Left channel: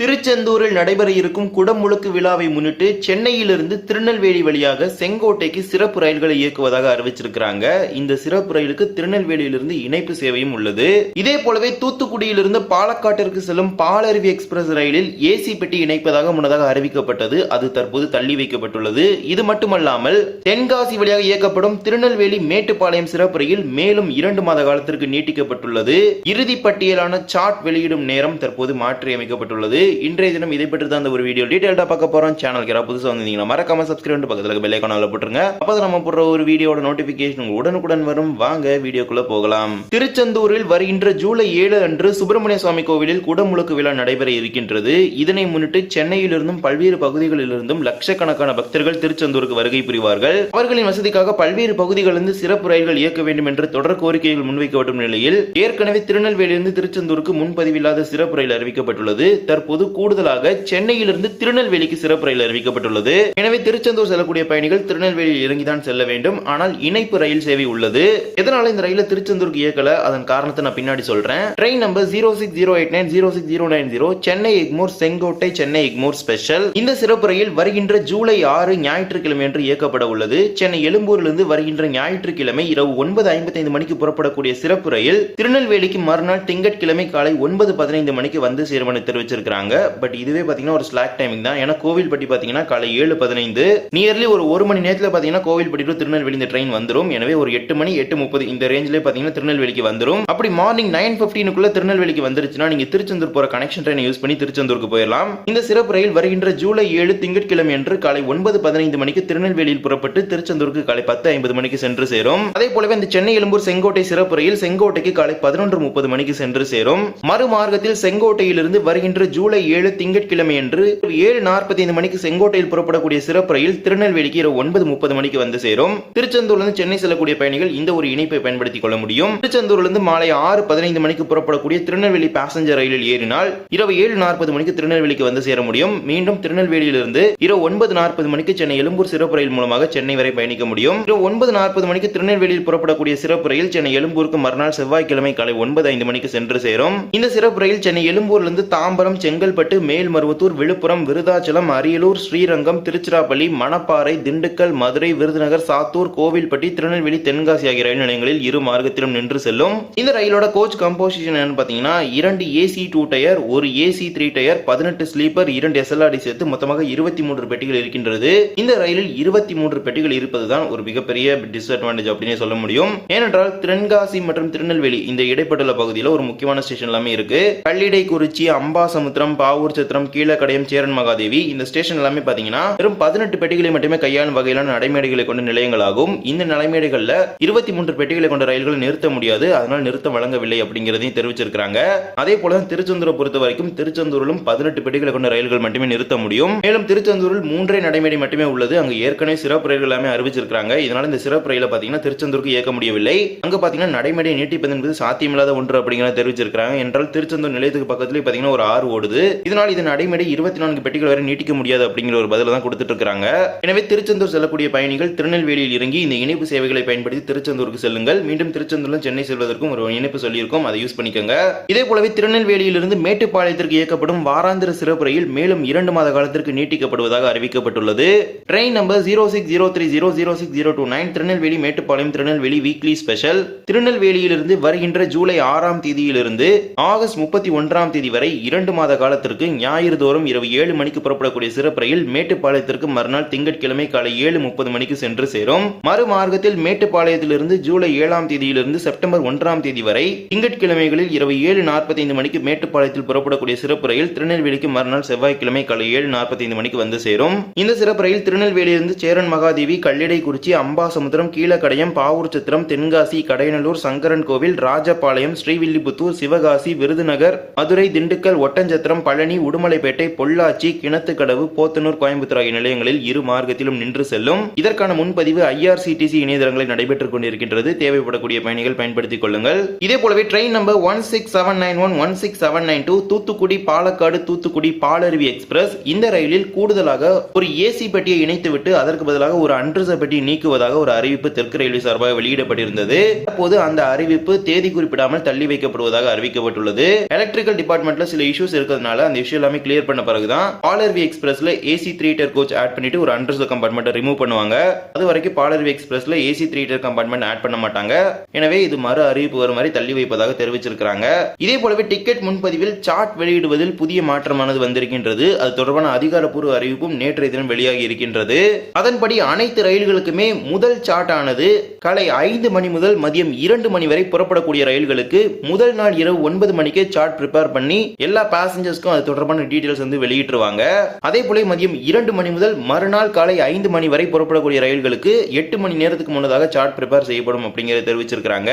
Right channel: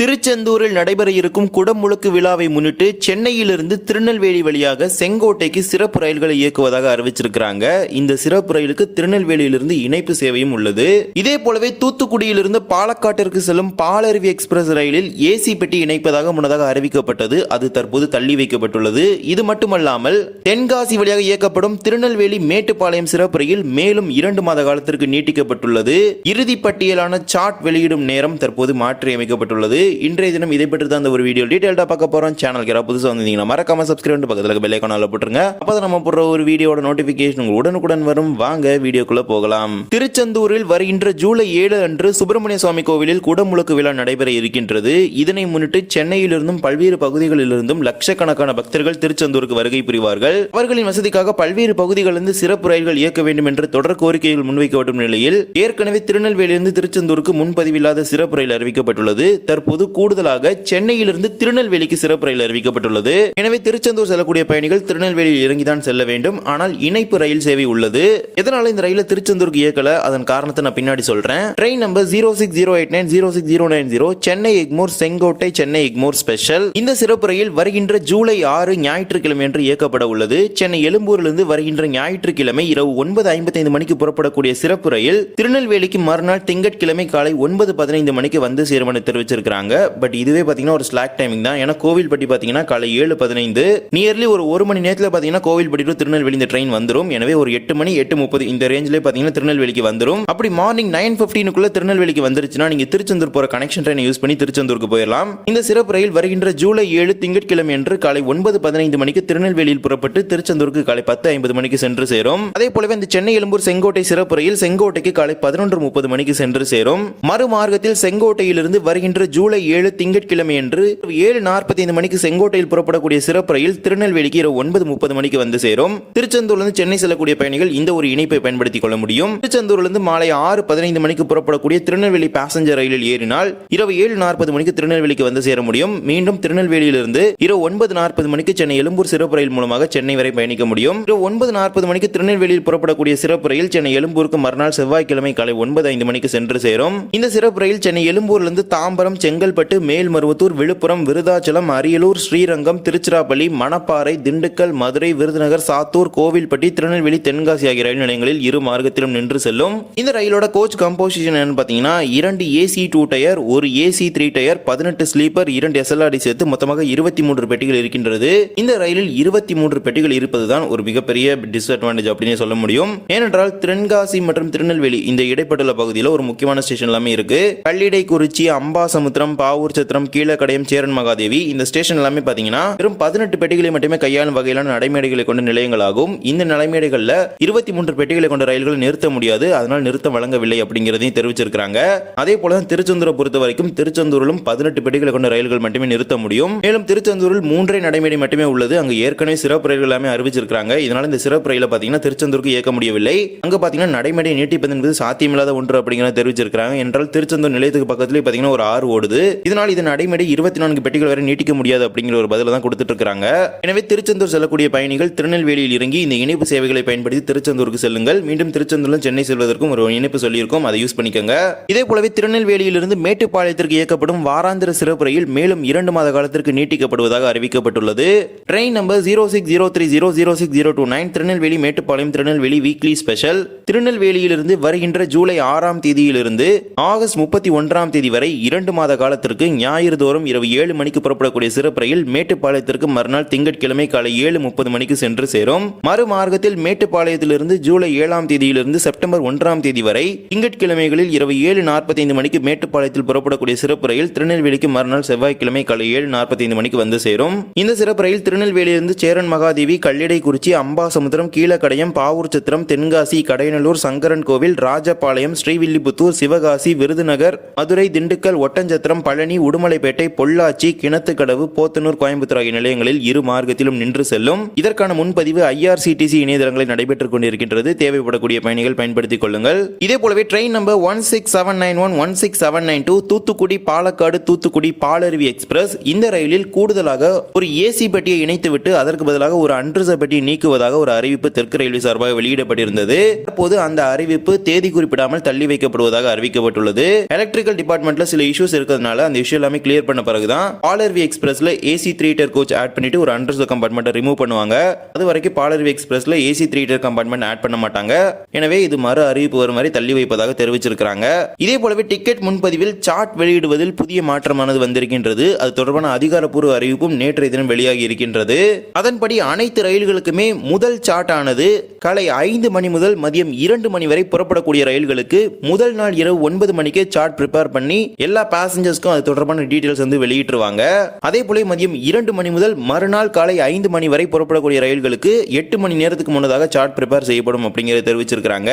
திருச்செந்தூரில் நடைபெற இருக்கும் குடமுழுக்கு விழாவை முன்னிட்டு சென்னையிலிருந்து திருநெல்வேலி வழியாக செங்கோட்டைக்கு சிறப்பு ரயில்களை இயக்குவதாக அறிவிச்சிருக்கிறாங்க. இந்த சிறப்பு ரயிலுக்கு திருநெல்வேலியிலிருந்து இணைப்பு சேவையும் உள்ளது. இதே போலவே தூத்துக்குடியிலிருந்து பாலக்காட்டிற்கு செல்லும் பாலருவி எக்ஸ்பிரஸ் ரயிலில் ஏசி பெட்டி இணைப்பதாக முன்னதாக அறிவிக்கப்பட்டது. அது தற்போது தள்ளி வைக்கப்பட்டுள்ளது. இது மட்டுமல்லாமல் தென்காசி வழியாக இயக்கப்படும் திருநெல்வேலி மேட்டுப்பாளையம் சிறப்பு ரயில் மேலும் இரண்டு மாத காலத்திற்கு நீட்டிக்கப்பட்டுள்ளது. இறுதி பட்டியலான சாட் வெளியிடும் நேரம் தற்போது மாற்றியமைக்கப்பட்டுள்ளது. இன்றைய தினம் இதை பற்றி தான் இந்த ஒரு வீடியோ டீடைல்டா பார்க்க போறோம். சேனலுக்கு யாராவது புதுசாக வந்தீங்கன்னா மறக்காம சப்ஸ்கிரைப் பண்ணி பக்கத்தில் பெல் ஐக்கானில் போட்டுருங்க. அப்போ நம்ம போடுற ஒரு வீடியோட நோட்டிபிகேஷன் உடனுக்குடன் வரும். வாங்க வீடியோக்குள்ள போகலாம். திருச்செந்தூரில் வருகின்ற ஜூலை ஏழு அன்று சுப்பிரமணிய சுவாமி கோவிலில் குடமுழுக்கு விழா நடைபெற இருக்கின்றது. இதனை முன்னிட்டு சென்னையிலிருந்தும் பல்வேறு பகுதிகளிலிருந்தும் லட்சக்கணக்கான பக்தர்கள் திருச்செந்தூருக்கு வருகை புரிவார்கள். அவர்களின் வசதிக்காக பல்வேறு பகுதிகளிலிருந்து சிறப்பு ரயில்கள் இயக்க வேண்டும் என்று தொடர் கோரிக்கைகள் முன்வைக்கப்படும் நிலையில் ஏற்கனவே திருநெல்வேலியிலிருந்து திருச்செந்தூருக்கு முன்பதிவில்லாத சிறப்பு ரயில் அறிவிக்கப்பட்டுள்ளது. தற்போது கூடுதலாக சென்னையிலிருந்து திருநெல்வேலிக்கு சிறப்பு ரயில் அறிவிக்கப்பட்டுள்ளது. எனவே திருச்செந்தூர் செல்லக்கூடிய பயணிகள் திருநெல்வேலியில் இறங்கிதான் செல்ல வேண்டும். ஆனால் இணைப்பு ரயில் சேவை உள்ளது. இதனால இந்த ரயில திருச்செந்தூருக்கு இயக்கல? அதன் காரணத்தை நான் பின்னாடி சொல்றேன். Train number zero six zero eight nine zero six zero nine zero Chennai Egmore Sengottai Chennai Egmore special. இந்த சிறப்பு ரயில் வருகின்ற ஜூலை ஆறு ஞாயிற்றுக்கிழமை என்று இயக்கப்பட உள்ளது. சென்னை எழும்பூரிலிருந்து வருகின்ற ஞாயிற்றுக்கிழமை இரவு ஒன்பது ஐம்பத்தைந்து மணிக்கு புறப்படக்கூடிய சிறப்பு ரயில் திருநெல்வேலிக்கு மறுநாள் திங்கட்கிழமை காலை ஒன்பது பதினைந்து மணிக்கு வந்து சேரும் தெரிவிச்சிருக்கிறாங்க. தெரிவிச்சிருக்காங்க பட் இதுவே பாத்தீங்கன்னா ஒரு ஸ்லாக் டைமிங் தான். ஏன்னா கோவில்பட்டி பார்த்தீங்கன்னா காலை ஏழு பதினைந்து நியர்லி ஒரு ஒரு மணி நேரத்தில் பார்த்தீங்கன்னா கோவில்பட்டி டு திருநெல்வேலி இந்த ட்ரெயின் வந்துரும். எனவே ஒரு எட்டு மணி எட்டு முப்பது இந்த ரேஞ்சிலே பாத்தீங்கன்னா திருநெல்வேலிக்கு வந்துடும் அப்படி மார்னிங் நைன் பிப்டீனுக்குள்ள திருநெல்வேலிக்கு வந்துருச்சுன்னா நீங்க திருச்செந்தூர் போகிற கனெக்ஷன் ட்ரெயினை யூஸ் பண்ணி திருச்செந்தூருக்கு போயிடலாம் இந்த சிறப்பு ரயில் வருகின்ற ஜூலை ஏழு திங்கட்கிழமை அன்று காலை ஒன்பது பதினைந்து மணிக்கு திருநெல்வேலியில் புறப்பட்டு திருச்செந்தூருக்கு காலை பத்து ஐம்பது மணிக்கு சென்று சேரும். அதே போலவே இந்த சென்னை எழும்பூர் செங்கோட்டை சிறப்பு ரயில் செங்கோட்டைக்கு காலை பதினொன்று முப்பது மணிக்கு சென்று சேரும். மறுமார்க்கத்தில் செங்கோட்டையிலிருந்து வருகின்ற ஜூலை ஏழு திங்கட்கிழமையன்று ஏழு நாற்பத்தி ஐந்து மணிக்கு செங்கோட்டையில் புறப்படக்கூடிய சிறப்பு ரயில் திருநெல்வேலிக்கு இரவு ஒன்பது முப்பது மணிக்கு வந்து சேரும். திருச்செந்தூர்லிருந்து சென்னை செல்லக்கூடிய பயணிகள் இந்த ஒரு இணைப்பை பயன்படுத்திக் கொள்ள முடியும். திருச்செந்தூரிலிருந்து மாலை ஆறு பதினைந்து மணிக்கு புறப்படக்கூடிய திருநெல்வேலி பேசஞ்சர் ரயிலில் ஏறினால் இரவு ஏழு நாற்பது மணிக்கு திருநெல்வேலிக்கு வந்து சேர முடியும். மீண்டும் திருநெல்வேலியிலிருந்து இரவு ஒன்பது நாற்பது மணிக்கு சென்னை எழும்பூர் சிறப்பு ரயில் மூலமாக சென்னை வரை பயணிக்க முடியும். இரவு ஒன்பது நாற்பது மணிக்கு திருநெல்வேலியில் புறப்படக்கூடிய சிறப்பு ரயில் சென்னை எழும்பூருக்கு மறுநாள் செவ்வாய்க்கிழமை காலை ஒன்பது ஐந்து மணிக்கு சென்று சேரும். இந்த சிறப்பு ரயில் சென்னை எழும்பூரிலிருந்து தாம்பரம் செங்கல் செங்கல்பட்டு மேல்மருவத்தூர் விழுப்புரம் விருதாச்சலம் அரியலூர் ஸ்ரீரங்கம் திருச்சிராப்பள்ளி மணப்பாறை திண்டுக்கல் மதுரை விருதுநகர் சாத்தூர் கோவில்பட்டி திருநெல்வேலி தென்காசி ஆகிய ரயில் நிலையங்களில் இரு மார்க்கத்திலும் நின்று செல்லும். இந்த ரயிலோட கோச் கம்போசிஷன் என்னன்னு பார்த்தீங்கன்னா இரண்டு ஏசி டூ டயர் ஒரு ஏசி த்ரீ டயர் பதினெட்டு ஸ்லீப்பர் இரண்டு எஸ்எல்ஆர்டி சேர்த்து மொத்தமாக இருபத்தி மூன்று பெட்டிகள் இருக்கின்றது. இந்த ரயிலில் இருபத்தி மூன்று பெட்டிகள் இருப்பதுதான் ஒரு மிகப்பெரிய டிஸ்அட்வான்டேஜ் அப்படின்னு சொல்ல முடியும். ஏனென்றால் தென்காசி மற்றும் திருநெல்வேலி இந்த இடைப்பட்டுள்ள பகுதியில் ஒரு முக்கியமான ஸ்டேஷன் எல்லாமே இருக்கு. கள்ளிடைக்குறிச்சி அம்பாசமுத்திரம் பாவூர் சத்திரம் கீழக்கடையம் சேரன் மகாதேவி இந்த ஸ்டேஷன் எல்லாமே பாத்தீங்கன்னா வெறும் பதினெட்டு பெட்டிகளை மட்டுமே கையாளும் வகையிலான நடைமேடைகளை கொண்ட நிலையங்களாகும். இந்த நடைமேடைகள்ல இருபத்தி மூன்று பெட்டிகளை கொண்ட ரயில்கள் நிறுத்த முடியாது. அதனால் நிறுத்தம் வழங்கவில்லை அப்படிங்கிறதையும் தெரிவிச்சிருக்காங்க அதே போல தான் திருச்செந்தூரை பொறுத்த வரைக்கும் திருச்செந்தூரிலும் பதினெட்டு பெட்டிகளை கொண்ட ரயில்கள் மட்டுமே நிறுத்த முடியும். மேலும் திருச்செந்தூரில் மூன்றே நடைமேடை மட்டுமே உள்ளது. அங்கு ஏற்கனவே சிறப்பு ரயில்கள் எல்லாமே அறிவிச்சிருக்காங்க இதனால இந்த சிறப்பு ரயில பாத்தீங்கன்னா திருச்செந்தூருக்கு இயக்க முடியவில்லை. அங்க பாத்தீங்கன்னா நடைமேடை நீட்டிப்பது என்பது சாத்தியமில்லாத ஒன்று அப்படிங்கிறத தெரிவிச்சிருக்காங்க என்றால் திருச்செந்தூர் நிலையத்துக்கு பக்கத்துலேயே பாத்தீங்கன்னா ஒரு ஆறு ஓடுது. இதனால் இது நடைமுறை இருபத்தி நான்கு பெட்டிகள் வரை நீட்டிக்க முடியாது அப்படிங்கிற ஒரு பதில தான் கொடுத்துட்டு இருக்காங்க எனவே திருச்செந்தூர் செல்லக்கூடிய பயணிகள் திருநெல்வேலியில் இறங்கி இந்த இணைப்பு சேவைகளை பயன்படுத்தி திருச்செந்தூருக்கு செல்லுங்கள். மீண்டும் திருச்செந்தூர்ல சென்னை செல்வதற்கும் ஒரு இணைப்பு சொல்லியிருக்கோம். அதை யூஸ் பண்ணிக்கோங்க. இதே போலவே திருநெல்வேலியிலிருந்து மேட்டுப்பாளையத்திற்கு இயக்கப்படும் வாராந்திர சிறப்பு ரயில் மேலும் இரண்டு மாத காலத்திற்கு நீட்டிக்கப்படுவதாக அறிவிக்கப்பட்டுள்ளது. Train number zero six zero three zero zero six zero two nine Tirunelveli Mettupalayam Tirunelveli weekly special திருநெல்வேலியிலிருந்து வருகின்ற ஜூலை ஆறாம் தேதியிலிருந்து ஆகஸ்ட் முப்பத்தி ஒன்றாம் தேதி வரை இரண்டு மாத கால காலத்திற்கு ஞாயிறு தோறும் இரவு ஏழு மணிக்கு புறப்படக்கூடிய சிறப்பு ரயில் மேட்டுப்பாளையத்திற்கு மறுநாள் திங்கட்கிழமை காலை ஏழு முப்பது மணிக்கு சென்று சேரும். மறுமார்க்கத்தில் மேட்டுப்பாளையத்திலிருந்து ஜூலை ஏழாம் தேதியிலிருந்து செப்டம்பர் ஒன்றாம் தேதி வரை திங்கட்கிழமைகளில் இரவு ஏழு நாற்பத்தைந்து மணிக்கு மேட்டுப்பாளையத்தில் புறப்படக்கூடிய சிறப்பு ரயில் திருநெல்வேலிக்கு மறுநாள் செவ்வாய்க்கிழமை காலை ஏழு நாற்பத்தைந்து மணிக்கு வந்து சேரும். இந்த சிறப்பு ரயில் திருநெல்வேலியிலிருந்து சேரன் மகாதேவி கல்லிடைக்குறிச்சி அம்பாசமுத்திரம் கீழக்கடையம் பாவூர் சத்திரம் தென்காசி கடையநல்லூர் சங்கரன் கோவில் ராஜபாளையம் ஸ்ரீவில்லிபுத்தூர் சிவகாசி விருதுநகர் மதுரை திண்டுக்கல் ஒட்டஞ்சத்திரம் பழனி உடுமலைப்பேட்டை பொள்ளாச்சி கிணத்துக்கடவு போத்தனூர் கோயம்புத்தூர் ஆகிய நிலையங்களில் இரு மார்க்கத்திலும் நின்று செல்லும். இதற்கான முன்பதிவு ஐஆர்சிடிசி இணையதளங்களில் நடைபெற்றுக் கொண்டிருக்கின்றது. தேவைப்படக்கூடிய பயணிகள் பயன்படுத்திக் கொள்ளுங்கள். இதே போலவே train number one six seven nine one one six seven nine two Thoothukudi Palakkad Thoothukudi Palaruvi express. இந்த ரயிலில் கூடுதலாக ஒரு ஏசி பெட்டியை இணைத்துவிட்டு அதற்கு பதிலாக ஒரு அன்ரிசர்வ் பெட்டியை நீக்குவதாக ஒரு அறிவிப்பு தெற்கு ரயில்வே சார்பாக வெளியிடப்பட்டிருந்தது. அப்போது அந்த அறிவிப்பு தேதி குறிப்பிடாமல் தள்ளி வைக்கப்படுவதாக அறிவிக்கப்பட்டுள்ளது. எலக்ட்ரிக்கல் டிபார்ட்மெண்ட்ல சில இஷ்யூஸ் இருக்கிறதுனால அந்த விஷயம் எல்லாமே கிளியர் பண்ண பிறகு தான் Palaruvi எக்ஸ்பிரஸ்ல AC three tier coach add பண்ணிட்டு ஒரு அண்டர் கம்பார்ட்மெண்ட் ரிமூவ் பண்ணுவாங்க. அது வரைக்கும் Palaruvi எக்ஸ்பிரஸ்ல AC three tier compartment add பண்ண மாட்டாங்க. எனவே இது மறு அறிவிப்பு வரும் வரை தள்ளி வைப்பதாக தெரிவிச்சிருக்காங்க இதே போலவே டிக்கெட் முன்பதிவில் சார்ட் வெளியிடுவதில் புதிய மாற்றமானது வந்திருக்கின்றது. அது தொடர்பான அதிகாரப்பூர்வ அறிவிப்பும் நேற்றைய தினம் வெளியாகி இருக்கின்றது. அதன்படி அனைத்து ரயில்களுக்குமே முதல் சார்ட் ஆனது காலை ஐந்து மணி முதல் மதியம் இரண்டு மணி வரை புறப்படக்கூடிய ரயில்களுக்கு முதல் நாள் இரவு ஒன்பது மணிக்கே சார்ட் ப்ரிப்பேர் பண்ணி எல்லா பேசஞ்சர் பேசஞ்சர்ஸ்க்கும் அது தொடர்பான டீடைல்ஸ் வந்து வெளியிட்டுருவாங்க. அதே போல மதியம் இரண்டு மணி முதல் மறுநாள் காலை ஐந்து மணி வரை புறப்படக்கூடிய ரயில்களுக்கு எட்டு மணி நேரத்துக்கு முன்னதாக சார்ட் ப்ரிப்பேர் செய்யப்படும் அப்படிங்கிறத தெரிவிச்சிருக்காங்க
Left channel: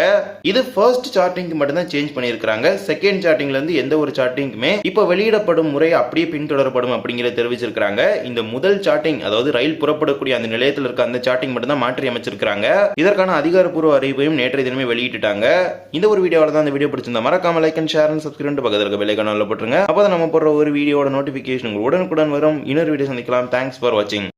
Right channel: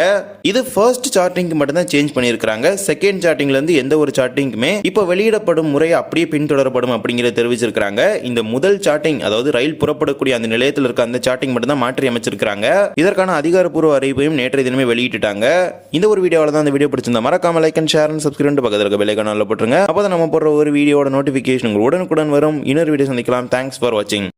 இது ஃபர்ஸ்ட் சார்ட்டிங்க்கு மட்டும்தான் சேஞ்ச் பண்ணியிருக்காங்க செகண்ட் சார்ட்டிங்ல இருந்து எந்த ஒரு சார்ட்டிங்குமே இப்போ வெளியிடப்படும் முறை அப்படியே பின்தொடரப்படும் அப்படிங்கிறத தெரிவிச்சிருக்காங்க இந்த முதல் சார்ட்டிங் அதாவது ரயில் புறப்படக்கூடிய அந்த நிலையத்தில் இருக்க அந்த சார்ட்டிங் மட்டும் தான் மாற்றி அமைச்சிருக்காங்க இதற்கான அதிகாரப்பூர்வ அறிவிப்பையும் நேற்றைய தினமே வெளியிட்டுட்டாங்க. இந்த ஒரு வீடியோவில் தான் இந்த வீடியோ பிடிச்சிருந்தா மறக்காம லைக் அண்ட் ஷேர் சப்ஸ்கிரைப் பக்கத்தில் இருக்க பெல் ஐக்கான போட்டுருங்க. அப்போ நம்ம போடுற ஒரு வீடியோட நோட்டிஃபிகேஷன் உங்களுக்கு உடனுக்குடன் வரும். இன்னொரு வீடியோ சந்திக்கலாம். தேங்க்ஸ் ஃபார் வாட்சிங்